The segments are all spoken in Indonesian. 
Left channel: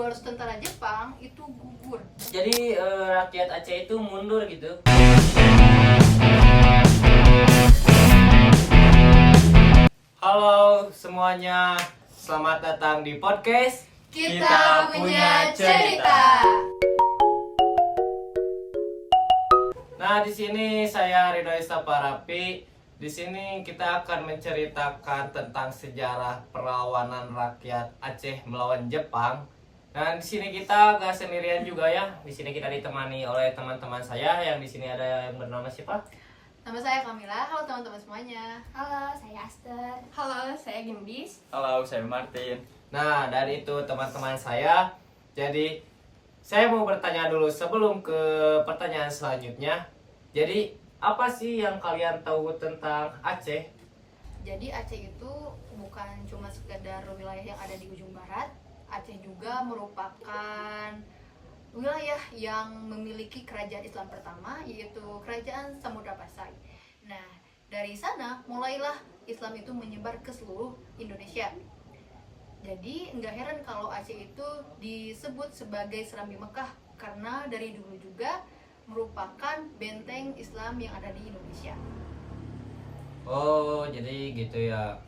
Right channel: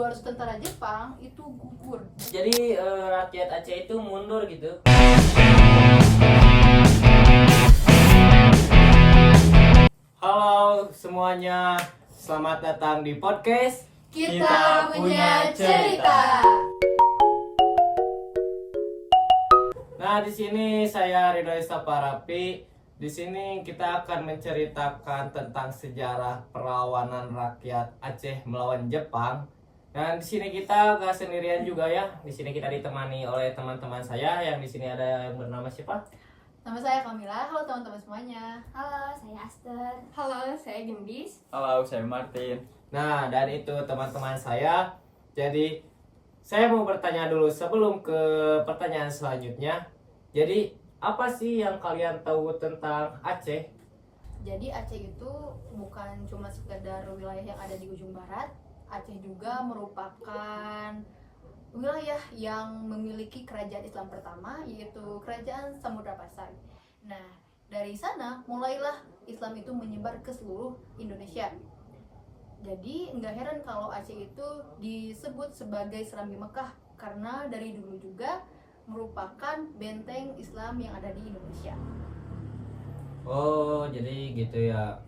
200 tentara Jepang itu gugur. Jadi rakyat Aceh itu mundur gitu. Halo semuanya, selamat datang di podcast Kita punya cerita. Nah, di sini saya Ridho Istaparapi. Di sini kita akan menceritakan tentang sejarah perlawanan rakyat Aceh melawan Jepang. Dan di sini kita gak sendirian juga ya. Di sini kita ditemani oleh teman-teman saya yang di sini ada yang bernama siapa? Nama saya Kamila. Halo teman-teman semuanya. Halo, saya Aster. Halo, saya Gendis. Halo, saya Martin. Nah, dari itu teman-teman saya. Jadi saya mau bertanya dulu sebelum ke pertanyaan selanjutnya. Jadi apa sih yang kalian tahu tentang Aceh? Jadi Aceh itu bukan cuma sekedar wilayah yang ada di ujung barat. Aceh juga merupakan wilayah yang memiliki kerajaan Islam pertama, yaitu Kerajaan Samudra Pasai. Nah, dari sana mulailah Islam itu menyebar ke seluruh Indonesia. Jadi nggak heran kalau Aceh itu disebut sebagai Serambi Mekah, karena dari dulu juga merupakan benteng Islam yang ada di Indonesia. Oh, jadi gitu ya.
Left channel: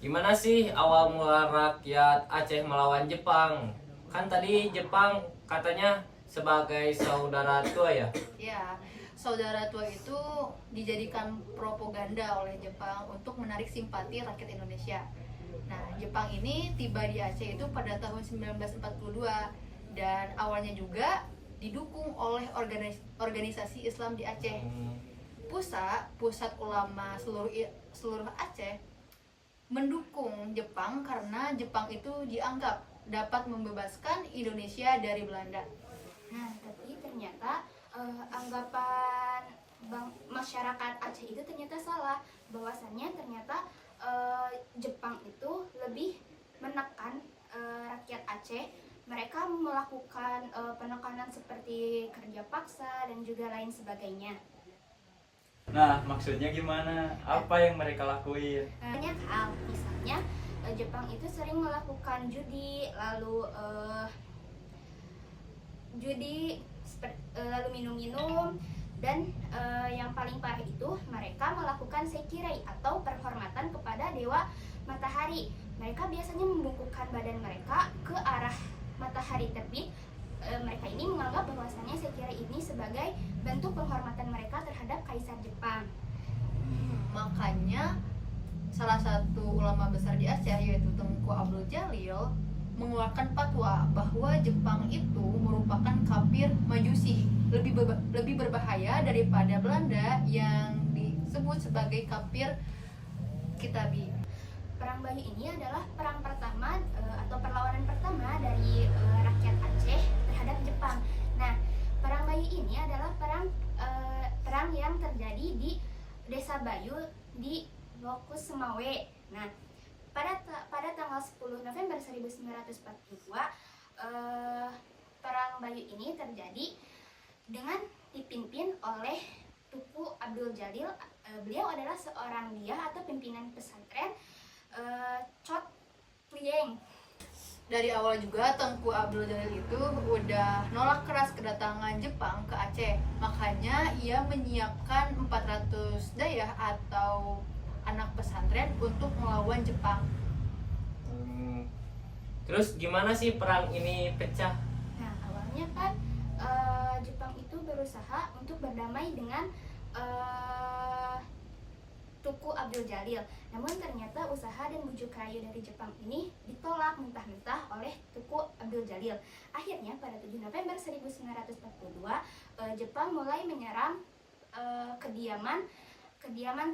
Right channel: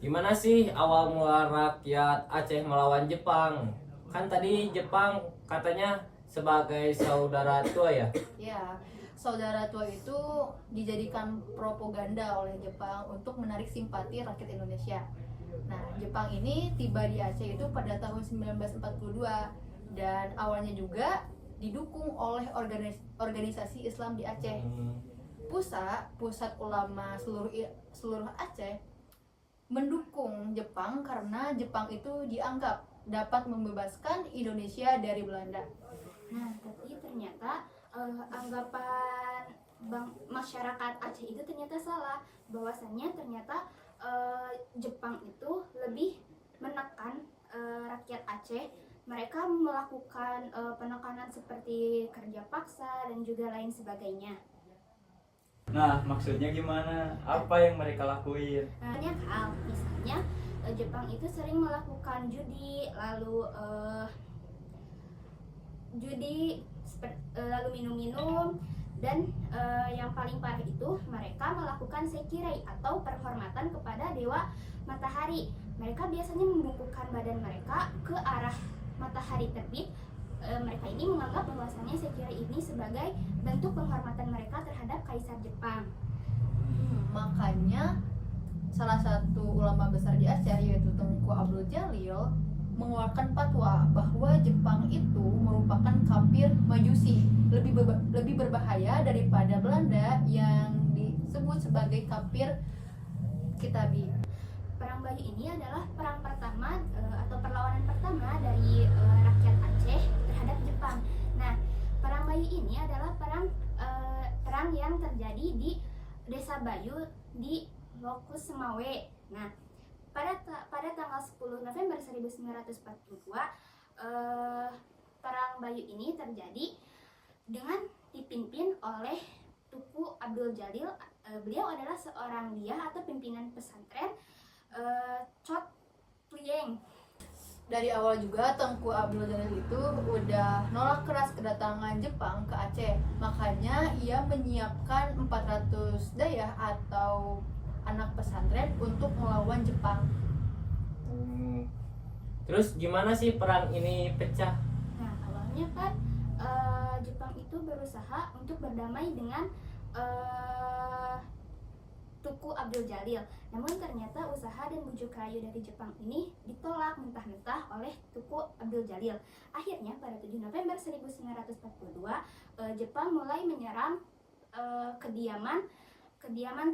Gimana sih awal mula rakyat Aceh melawan Jepang? Kan tadi Jepang katanya sebagai saudara tua ya. Ya, saudara tua itu dijadikan propaganda oleh Jepang untuk menarik simpati rakyat Indonesia. Nah, Jepang ini tiba di Aceh itu pada tahun 1942 dan awalnya juga didukung oleh organisasi Islam di Aceh. Pusat ulama seluruh Aceh mendukung Jepang karena Jepang itu dianggap dapat membebaskan Indonesia dari Belanda. Nah, tapi ternyata anggapan masyarakat Aceh itu ternyata salah. Bahwasannya ternyata Jepang itu lebih menekan rakyat Aceh. Mereka melakukan penekanan seperti kerja paksa dan juga lain sebagainya. Nah, maksudnya gimana? Apa yang mereka lakuin? Banyak hal, misalnya Jepang itu sering melakukan judi, lalu lalu minum-minum, dan yang paling parah itu mereka melakukan sekirei atau penghormatan kepada dewa matahari. Mereka biasanya membungkukkan badan mereka ke arah matahari terbit. Mereka ini menganggap bahwasannya sekirei ini sebagai bentuk penghormatan mereka terhadap Kaisar Jepang. Makanya salah satu ulama besar di Aceh yaitu Tengku Abdul Jalil mengeluarkan fatwa bahwa Jepang itu merupakan kafir majusi, lebih berbahaya daripada Belanda yang disebut sebagai kafir kitabi. Perang Bayu ini adalah perang pertama atau perlawanan pertama dari rakyat Aceh terhadap Jepang. Nah, perang Bayu ini adalah perang yang terjadi di Desa Bayu di Lokus Semawe. Nah, pada tanggal 10 November 1942 perang Bayu ini terjadi dengan dipimpin oleh Tuku Abdul Jalil. Beliau adalah seorang dia atau pimpinan pesantren Chot Plieng. Dari awal juga Tengku Abdul Jalil itu udah nolak keras kedatangan Jepang ke Aceh. Makanya ia menyiapkan 400 dayah atau anak pesantren untuk melawan Jepang. Terus gimana sih perang ini pecah? Nah, awalnya kan Jepang itu berusaha untuk berdamai dengan Tuku Abdul Jalil. Namun ternyata usaha dan bujuk rayu dari Jepang ini ditolak mentah-mentah oleh Tuku Abdul Jalil. Akhirnya pada 7 November 1942 Jepang mulai menyerang kediaman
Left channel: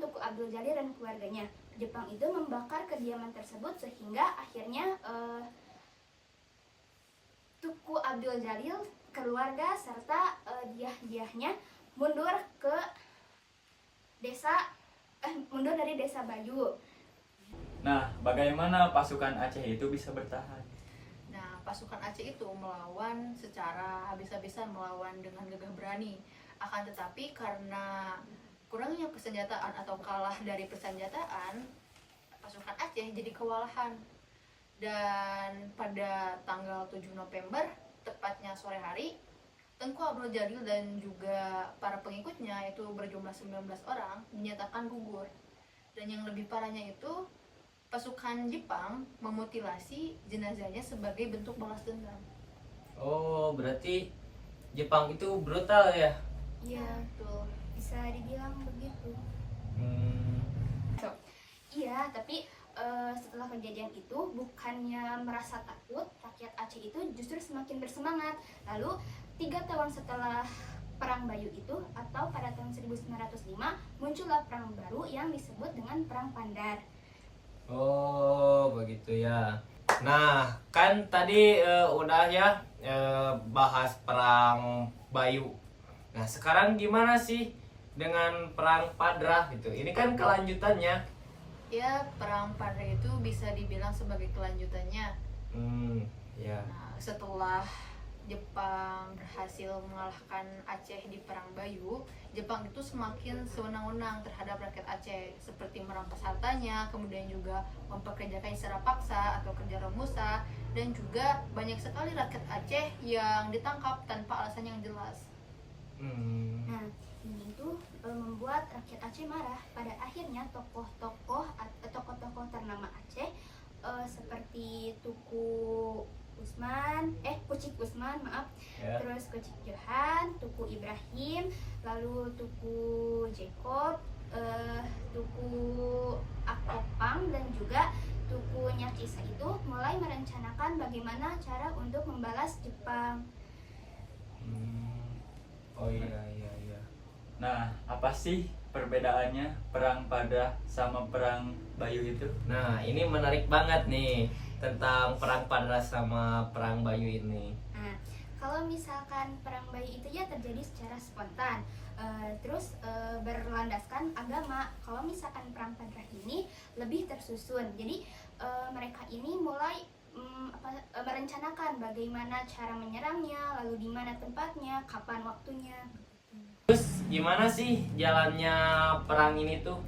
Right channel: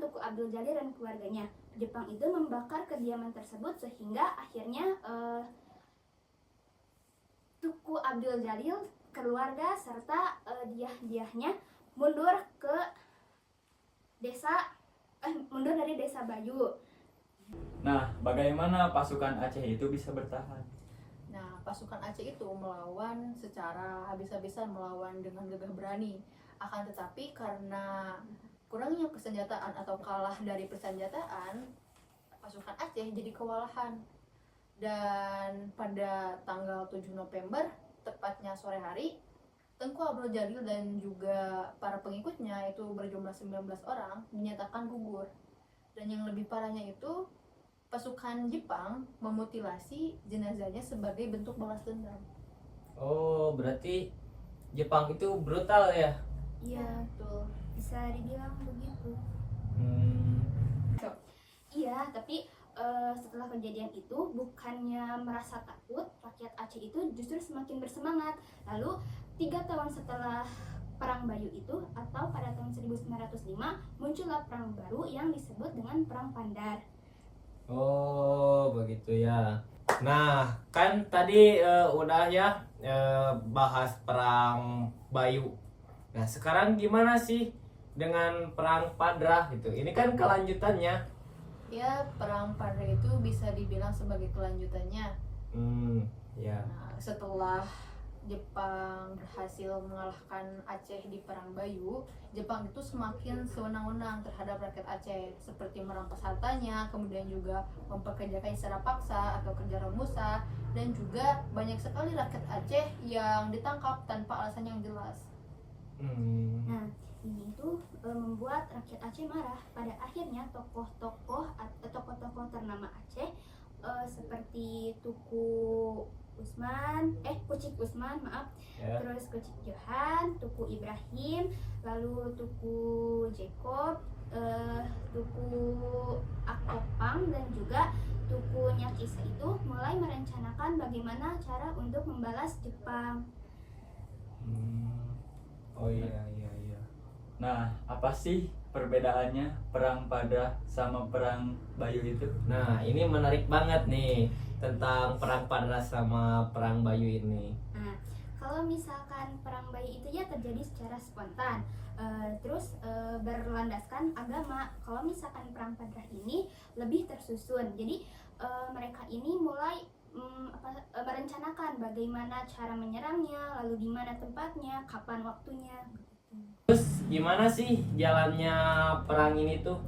Tuku Abdul Jalil dan keluarganya. Jepang itu membakar kediaman tersebut sehingga akhirnya Tuku Abdul Jalil, keluarga serta diah-diahnya mundur dari Desa Bayu. Nah, bagaimana pasukan Aceh itu bisa bertahan? Nah, pasukan Aceh itu melawan secara habis-habisan, melawan dengan gagah berani. Akan tetapi karena kurangnya kesenjataan atau kalah dari persenjataan, pasukan Aceh jadi kewalahan. Dan pada tanggal 7 November, tepatnya sore hari, Tengku Abdul Jalil dan juga para pengikutnya itu berjumlah 19 orang dinyatakan gugur. Dan yang lebih parahnya itu, pasukan Jepang memutilasi jenazahnya sebagai bentuk balas dendam. Oh, berarti Jepang itu brutal ya? Iya, Betul. bisa dibilang begitu. Hmm. Iya, tapi setelah kejadian itu bukannya merasa takut, rakyat Aceh itu justru semakin bersemangat. Lalu 3 tahun setelah Perang Bayu itu atau pada tahun 1905 muncullah perang baru yang disebut dengan Perang Pandar. Oh, begitu ya. Nah, kan tadi udah ya bahas perang Bayu. Nah, sekarang gimana sih dengan perang Padrah gitu? Ini kan kelanjutannya. Ya, perang Padra itu bisa dibilang sebagai kelanjutannya. Ya. Nah, setelah Jepang berhasil mengalahkan Aceh di Perang Bayu, Jepang itu semakin sewenang-wenang terhadap rakyat Aceh, seperti merampas hartanya, kemudian juga mempekerjakan secara paksa atau kerja remusa, dan juga banyak sekali rakyat Aceh yang ditangkap tanpa alasan yang jelas. Nah, ini tuh membuat rakyat Aceh marah. Pada akhirnya tokoh-tokoh ternama Aceh seperti Kucik Usman, Ya. terus Kucik Johan, Tuku Ibrahim, lalu Tuku Jacob, Tuku Akopang, dan juga Tuku Nyak Isa itu mulai merencanakan bagaimana cara untuk membalas Jepang. Oh iya iya iya. Nah, apa sih perbedaannya perang Padrah sama perang Bayu itu? Nah, ini menarik banget nih tentang perang Padrah sama perang Bayu ini. Nah, kalau misalkan perang Bayu itu ya terjadi secara spontan, terus berlandaskan agama. Kalau misalkan perang Padrah ini lebih tersusun. Jadi mereka ini mulai merencanakan bagaimana cara menyerangnya, lalu di mana tempatnya, kapan waktunya. Terus gimana sih jalannya perang ini tuh?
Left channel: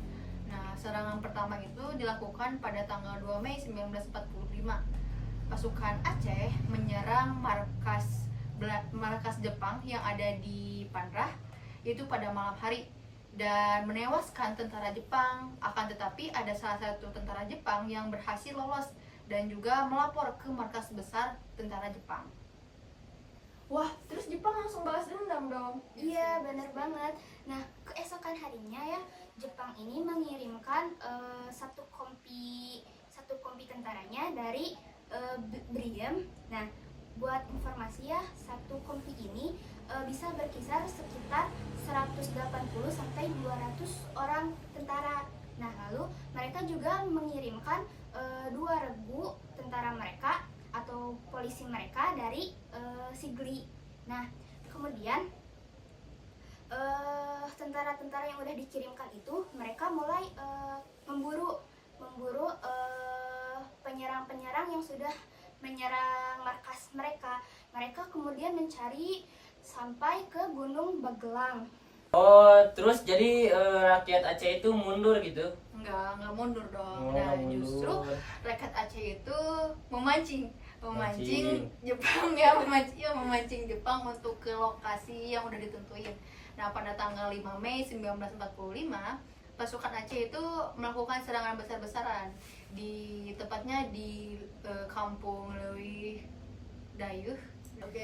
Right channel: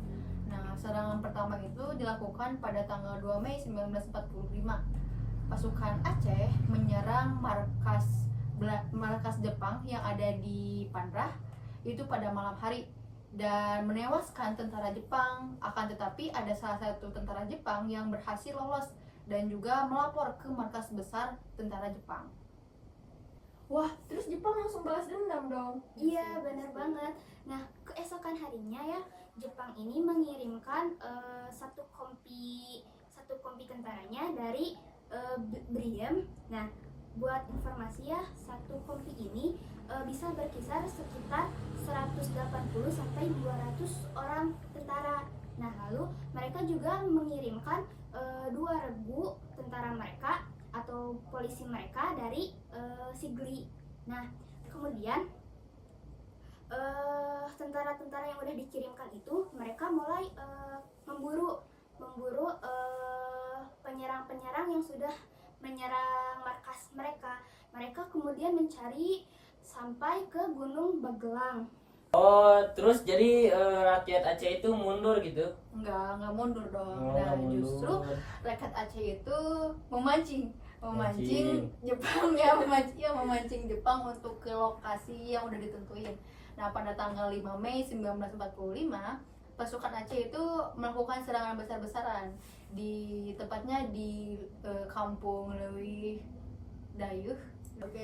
Nah, serangan pertama itu dilakukan pada tanggal 2 Mei 1945. Pasukan Aceh menyerang markas Jepang yang ada di Pandrah itu pada malam hari dan menewaskan tentara Jepang. Akan tetapi ada salah satu tentara Jepang yang berhasil lolos dan juga melapor ke markas besar tentara Jepang. Wah, terus Jepang langsung balas dendam dong. Iya, benar banget. Nah, keesokan harinya ya, Jepang ini mengirimkan satu kompi tentaranya dari Briem. Nah, buat informasi ya, satu kompi ini bisa berkisar sekitar 180 sampai 200 orang tentara. Nah, lalu mereka juga mengirimkan 2 regu tentara mereka atau polisi mereka dari Sigli. Nah, kemudian tentara-tentara yang udah dikirimkan itu mereka mulai memburu penyerang-penyerang yang sudah menyerang markas mereka. Mereka kemudian mencari sampai ke Gunung Bagelang. Oh, terus jadi rakyat Aceh itu mundur gitu? Enggak mundur dong. Oh, Nah, mundur. justru rakyat Aceh itu memancing Mancing. Jepang memancing Jepang untuk ke lokasi yang udah ditentuin. Nah, pada tanggal 5 Mei 1945, pasukan Aceh itu melakukan serangan besar-besaran tepatnya di kampung Leuwih Dayuh. Oke,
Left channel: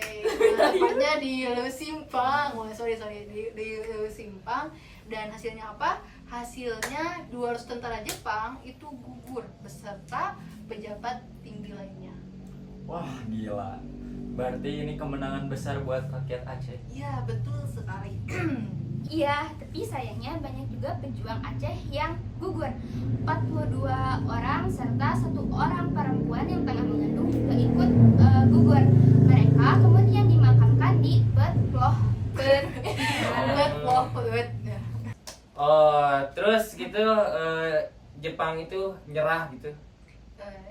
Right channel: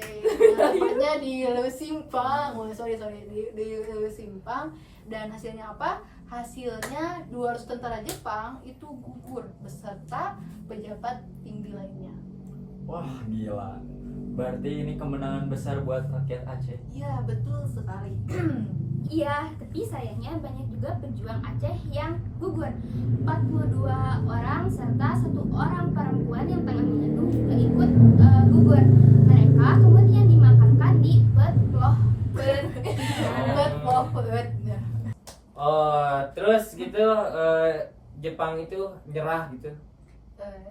tepatnya di Leuwih Simpang. Di Leuwih Simpang. Dan hasilnya apa? Hasilnya 200 tentara Jepang itu gugur beserta pejabat tinggi lainnya. Wah, gila. Berarti ini kemenangan besar buat rakyat Aceh. Iya, betul sekali. Iya, tapi sayangnya banyak juga pejuang Aceh yang gugur. 42 orang serta 1 orang perempuan yang tengah mengandung juga ikut gugur. Mereka kemudian dimakamkan di Betploh. Oh, terus gitu Jepang itu nyerah gitu.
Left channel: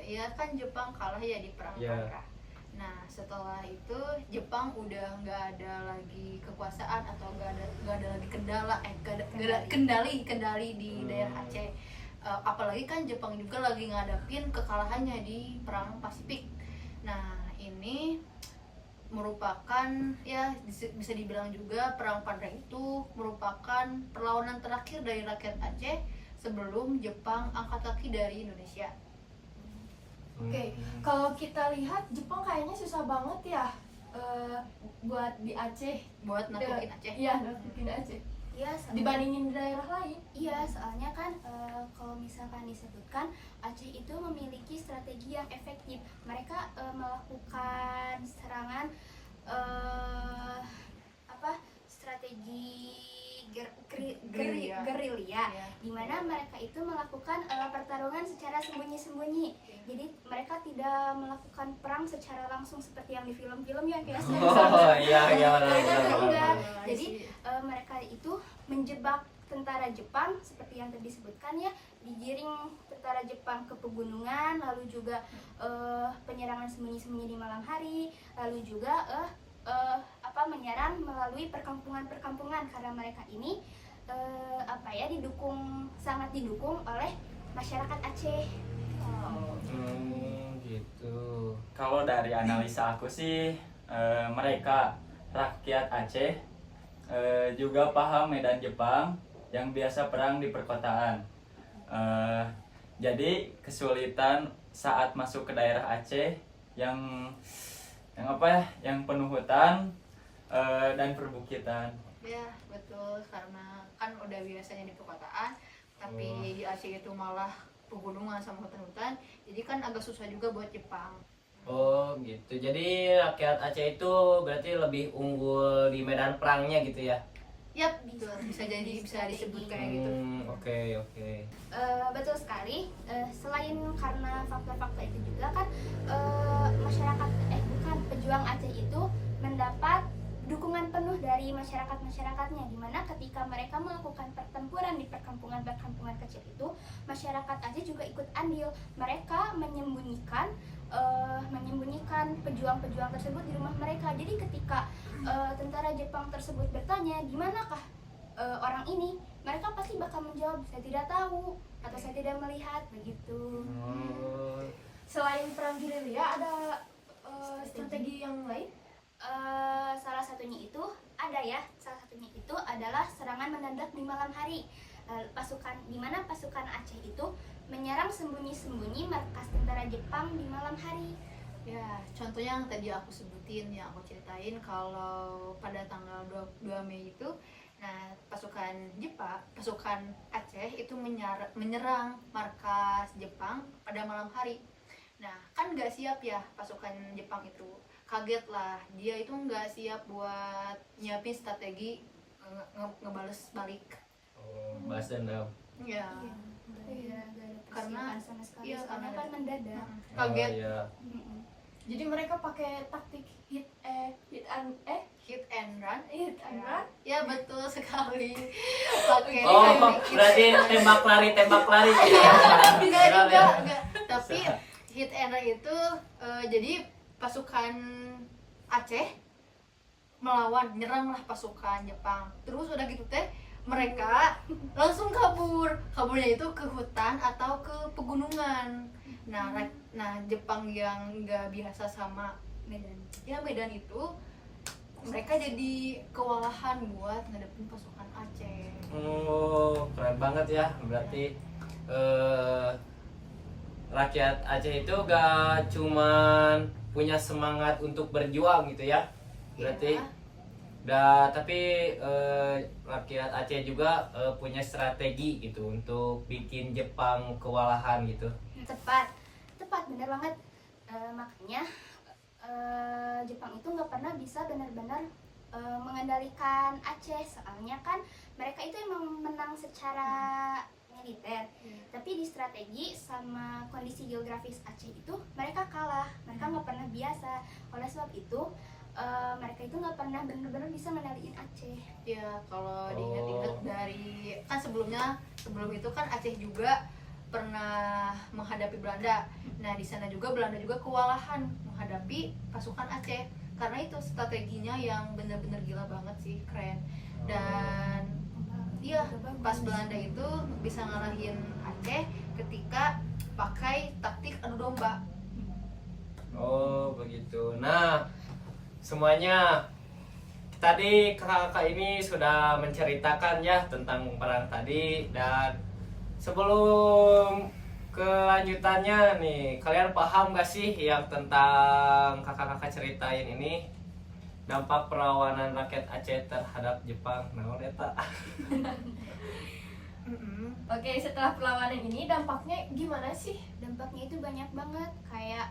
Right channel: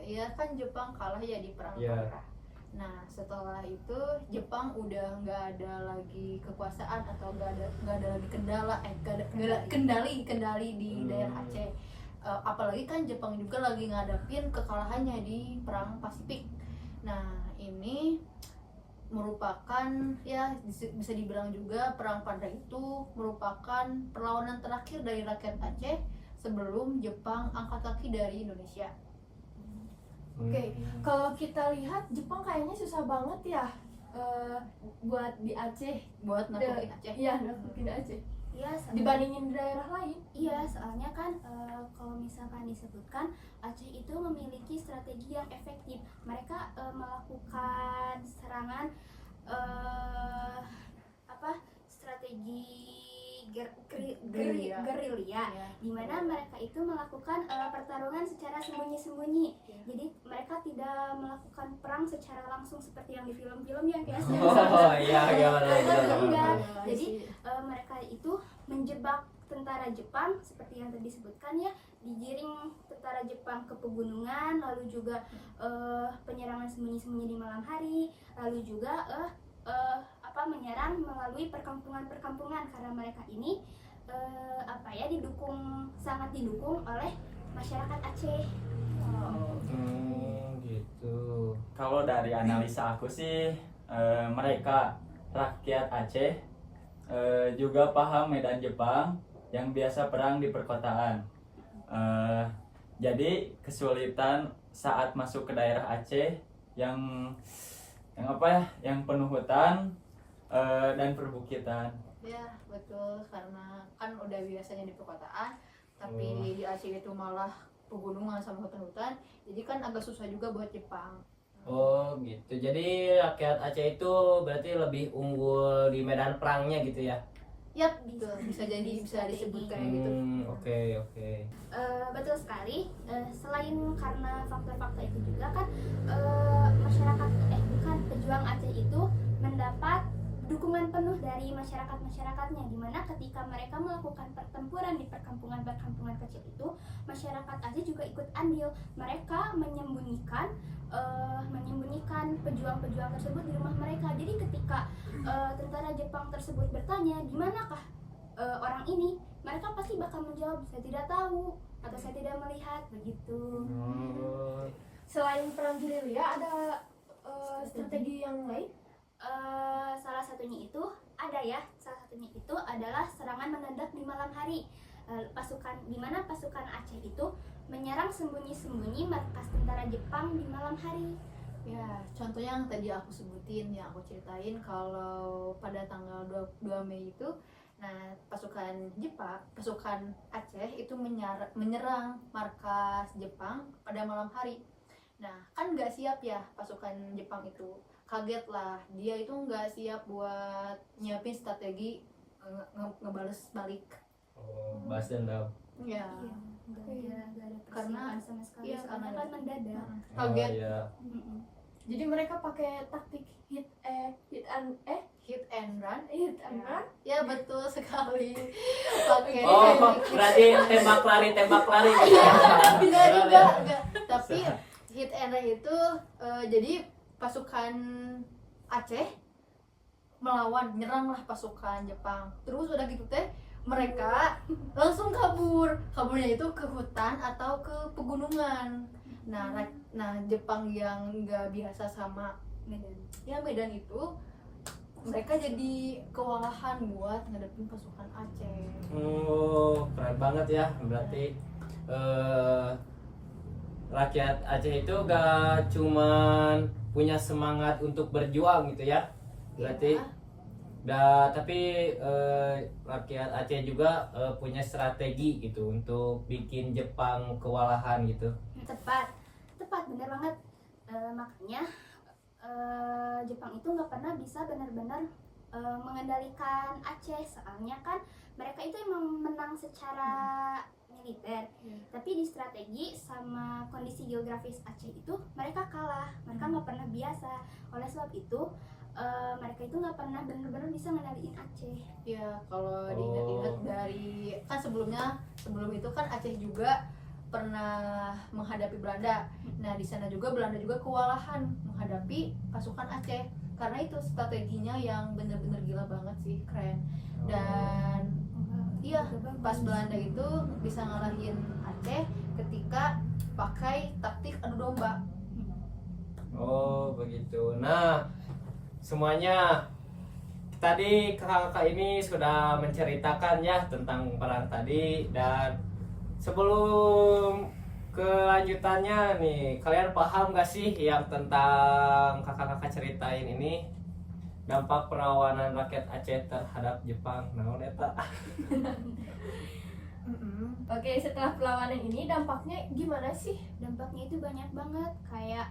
Iya kan Jepang kalah ya di perang Iya. Padrah. Nah, setelah itu Jepang udah nggak ada lagi kekuasaan atau nggak ada lagi kendali di daerah Aceh. apalagi kan Jepang juga lagi ngadapin kekalahannya di perang Pasifik. Nah ini merupakan ya bisa dibilang juga perang Padang itu merupakan perlawanan terakhir dari rakyat Aceh sebelum Jepang angkat kaki dari Indonesia. Oke, kalau kita lihat Jepang kayaknya susah banget ya buat di Aceh. Buat naklukin Aceh. Iya, naklukin Aceh. Iya, Dibandingin daerah lain. iya, soalnya kan kalau misalkan disebutkan Aceh itu memiliki strategi yang efektif. Mereka melakukan serangan strategi Gerilya. gerilya, Ya. di mana mereka itu melakukan pertarungan secara sembunyi-sembunyi. Jadi mereka tidak melakukan perang secara langsung seperti yang di film-film yang kayak Oh iya iya benar, Mereka benar, tuh benar, enggak. benar. Jadi mereka itu menjebak tentara Jepang seperti yang tadi disebutkan ya, digiring tentara Jepang ke pegunungan, lalu juga penyerangan sembunyi-sembunyi di malam hari, lalu juga menyerang melalui perkampungan-perkampungan karena mereka ini sangat didukung oleh masyarakat Aceh. Gitu. Kalau dari analisa aku sih mereka rakyat Aceh juga paham medan Jepang yang biasa perang di perkotaan. Jadi kesulitan saat masuk ke daerah Aceh yang penuh hutan dan perbukitan. Ya betul, karena kan udah biasanya di perkotaan, tapi di Aceh itu malah pegunungan sama hutan-hutan, jadi kan agak susah juga buat Jepang. Oh gitu. Jadi rakyat Aceh itu berarti lebih unggul di medan perangnya gitu ya? Yap, betul. Bisa disebut kayak gitu. Oke oke. Betul sekali. Selain karena faktor-faktor itu juga kan pejuang Aceh itu mendapat dukungan penuh dari masyarakatnya, di mana ketika mereka melakukan pertempuran di perkampungan kecil itu, masyarakat Aceh juga ikut andil. Mereka menyembunyikan pejuang-pejuang tersebut di rumah mereka. Jadi ketika tentara Jepang tersebut bertanya di manakah orang ini, mereka pasti bakal menjawab saya tidak tahu atau saya tidak melihat, begitu. Selain perang gerilya ada strategi yang lain? Salah satunya itu adalah serangan mendadak di malam hari. Di mana pasukan Aceh itu menyerang sembunyi-sembunyi markas tentara Jepang di malam hari. Ya, contohnya yang tadi aku sebutin, yang aku ceritain kalau pada tanggal 22 Mei itu, nah pasukan Aceh itu menyerang markas Jepang pada malam hari. Nah, kan nggak siap ya pasukan Jepang itu, kaget lah, dia itu nggak siap buat nyiapin strategi ngebales balik. Balas dendam. Ya, Nggak ada Karena- persiapan sama sekali, iya, soalnya karena kan mendadak. kaget. Oh, iya. Jadi mereka pakai taktik hit and Run. run. Ya betul sekali. Pakai Oh teknik hit berarti and run. tembak lari. Enggak juga, enggak. Tapi hit and run itu jadi pasukan Aceh nyeranglah pasukan Jepang. Terus udah gitu teh mereka langsung kaburnya itu ke hutan atau ke pegunungan. Nah Jepang yang nggak biasa sama Medan itu, mereka jadi kewalahan buat ngadepin pasukan Aceh. Oh keren banget ya, berarti rakyat Aceh itu gak cuman punya semangat untuk berjuang gitu ya, berarti tapi rakyat Aceh juga punya strategi gitu untuk bikin Jepang kewalahan gitu. Tepat benar banget. Makanya Jepang itu nggak pernah bisa benar-benar mengendalikan Aceh, soalnya kan mereka itu emang menang secara militer, tapi di strategi sama kondisi geografis Aceh itu mereka kalah, mereka nggak pernah biasa. Oleh sebab itu mereka itu nggak pernah benar-benar bisa mengendalikan Aceh. Ya kalau diingat-ingat dari kan sebelum itu kan Aceh juga pernah menghadapi Belanda. Nah di sana juga Belanda juga kewalahan menghadapi pasukan Aceh, karena itu strateginya yang benar-benar gila banget sih, keren. Dan iya pas Belanda itu bisa ngalahin Aceh Aceh ketika pakai taktik adu domba. Oh begitu. Nah semuanya tadi kakak-kakak ini sudah menceritakan ya tentang perang tadi, dan sebelum kelanjutannya nih, kalian paham gak sih yang tentang kakak-kakak ceritain ini, dampak perlawanan rakyat Aceh terhadap Jepang? Nah, eta. Oke, setelah perlawanan ini dampaknya gimana sih? Dampaknya itu banyak banget, kayak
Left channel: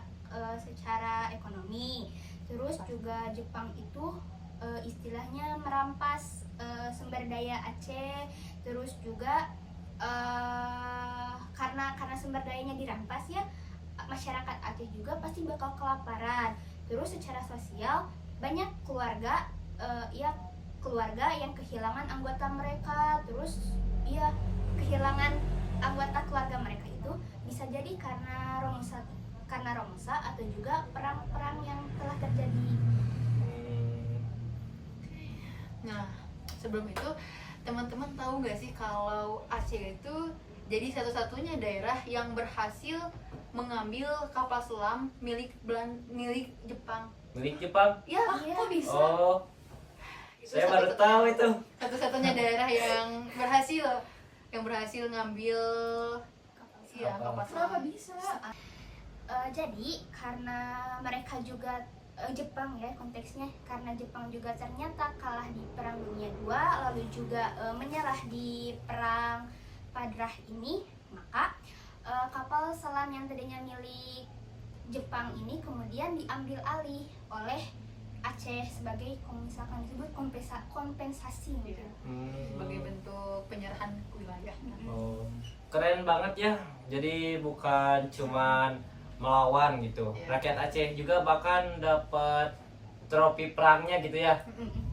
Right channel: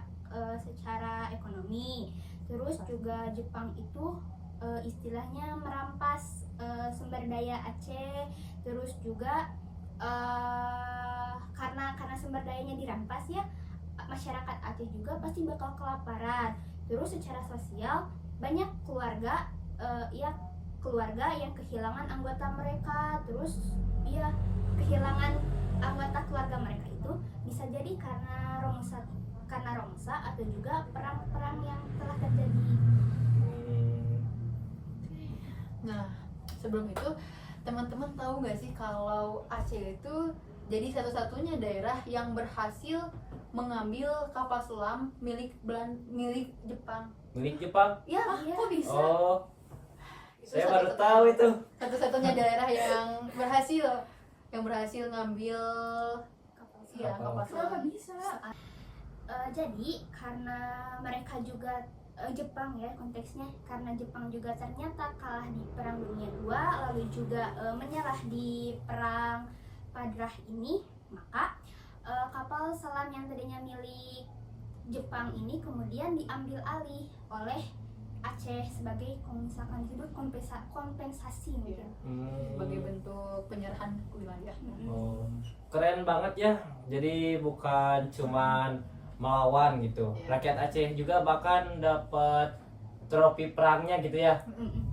secara ekonomi, terus juga Jepang itu istilahnya merampas sumber daya Aceh, terus juga karena sumber dayanya dirampas ya, masyarakat Aceh juga pasti bakal kelaparan. Terus secara sosial banyak keluarga keluarga yang kehilangan anggota mereka, terus ya kehilangan anggota keluarga mereka itu bisa jadi karena Romusa atau juga perang-perang yang telah terjadi. Nah, sebelum itu teman-teman tahu nggak sih kalau Aceh itu jadi satu-satunya daerah yang berhasil mengambil kapal selam milik Jepang. Milik Jepang? Ya, Kok bisa? Oh, itu saya baru satu-satunya- tahu itu. Satu-satunya daerah yang berhasil ngambil kapal Kenapa selam. bisa? Jadi karena mereka juga Jepang ya konteksnya, karena Jepang juga ternyata kalah di Perang Dunia II, lalu juga menyerah di Perang Padrah ini, maka kapal selam yang tadinya milik Jepang ini kemudian diambil alih oleh Aceh sebagai misalkan disebut kompensasi mungkin. Sebagai bentuk penyerahan wilayah. Oh, keren banget ya. Jadi bukan cuman melawan gitu. Iya. Rakyat Aceh juga bahkan dapat trofi perangnya gitu ya.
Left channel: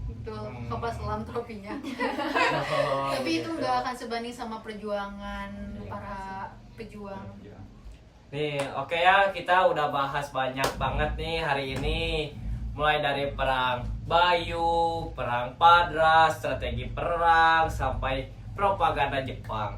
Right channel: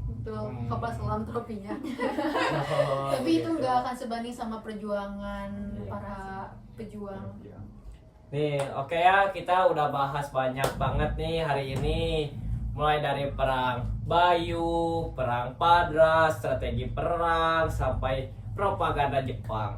Itu Hmm. kapal selam trofinya. Oh, Tapi itu gitu. nggak akan sebanding sama perjuangan para pejuang. Nih, oke ya, kita udah bahas banyak banget nih hari ini. Mulai dari perang Bayu, perang Padra, strategi perang, sampai propaganda Jepang.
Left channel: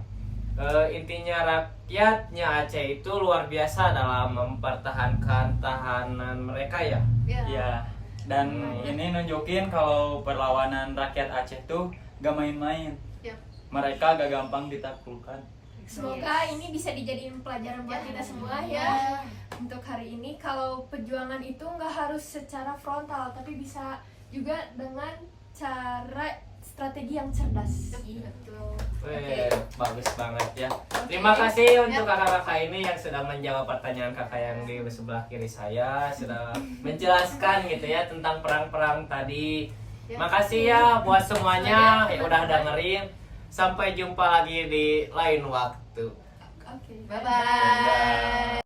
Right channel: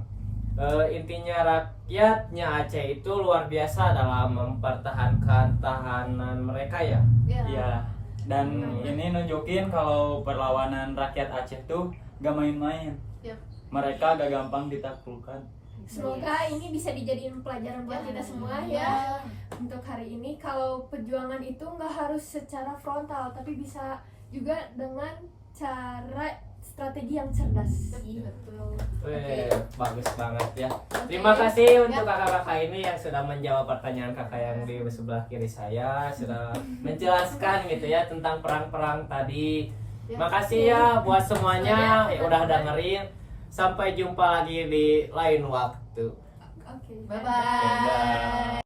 Intinya rakyatnya Aceh itu luar biasa dalam mempertahankan tahanan mereka ya. Iya. Dan ini nunjukin kalau perlawanan rakyat Aceh tuh gak main-main. Yap. Mereka gak gampang ditaklukkan. Semoga ini bisa dijadiin pelajaran buat kita semua ya. Untuk hari ini kalau perjuangan itu nggak harus secara frontal, tapi bisa juga dengan cara strategi yang cerdas. Betul. Bagus banget ya. Terima kasih untuk kakak-kakak ini yang sudah menjawab pertanyaan kakak yang di sebelah kiri saya, sudah menjelaskan gitu ya tentang perang-perang tadi. Makasih ya buat semuanya yang udah dengerin. Sampai jumpa lagi di lain waktu. Oke. Bye bye.